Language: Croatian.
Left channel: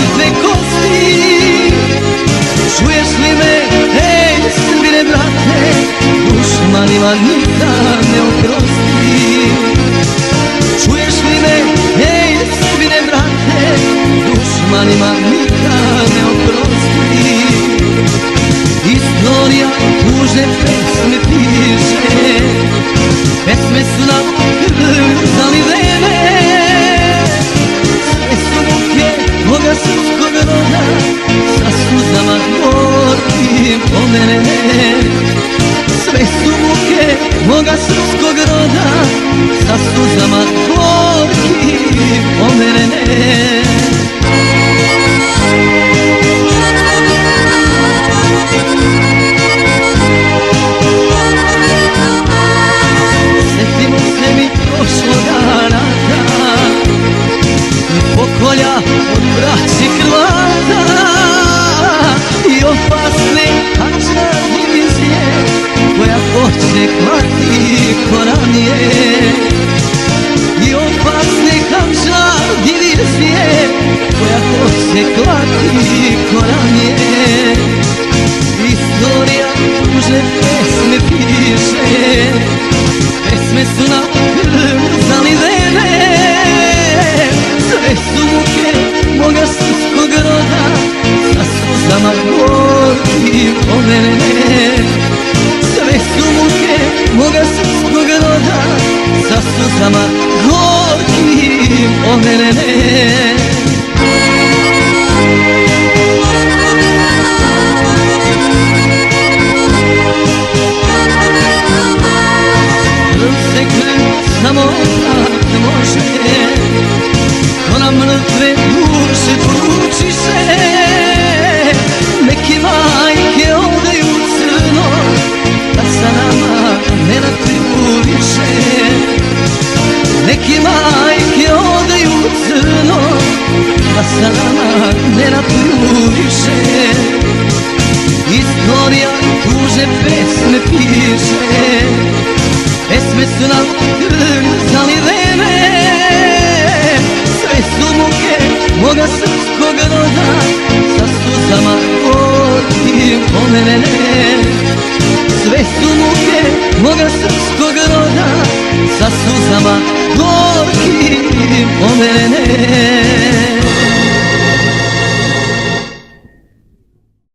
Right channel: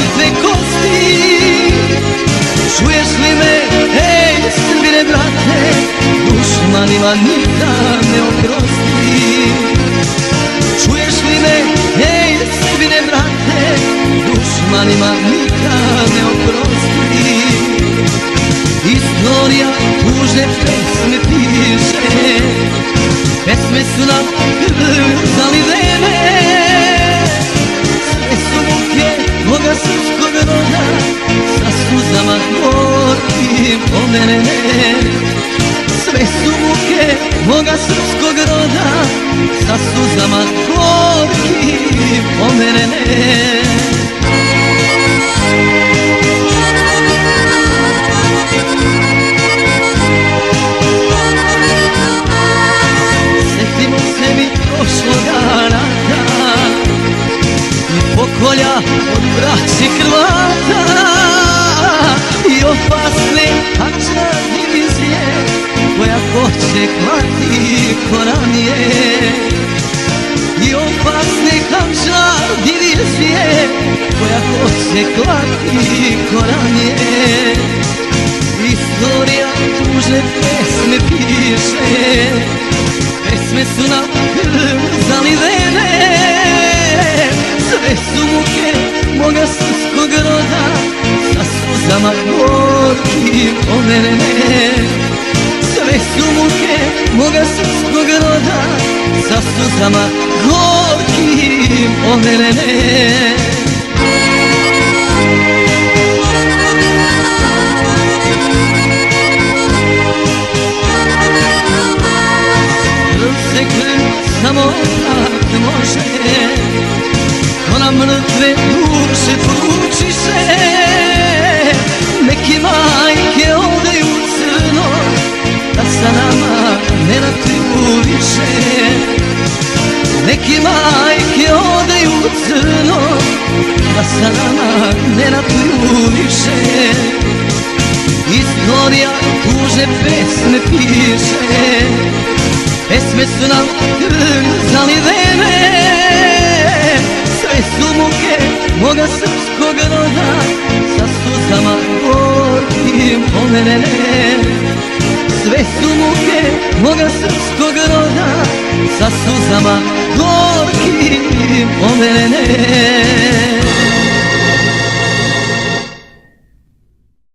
sitne kosti. Čuješ li me, hej, Srbine brate, dušmanima nikad ne oprosti. Čuješ li me, hej, Srbine brate, dušmanima nikad ne oprosti. Istorija tužne pesme piše, pesme su nam zalivene. Sve su muke moga srpskog roda, sa suzama gorkim pomerene. Sve su muke moga srpskog roda, sa suzama gorkim pomerene. Prošloga rata i pokolja od braći Hrvata i opasne pačne divizije koja počne klati koranije. I opasne kamča divizije koja počne klati koranije. Istorija tužne pesme piše, pesme su nam zalivene. Sve su muke moga srpskog roda, sa suzama gorkim pomerene. Sve su muke moga srpskog roda, sa suzama gorkim pomerene. Samo tako može, to nam mrtve duše poručiše. Neki majke ode u crno, da sa nama ne ratuju više. Neki majke ode u crno, da sa nama ne ratuju više. Istorija tužne pesme piše, pesme su nam zalivene. Sve su muke moga srpskog roda, sa suzama gorkim pomerene. Sve su muke moga srpskog roda, sa suzama gorkim pomerene.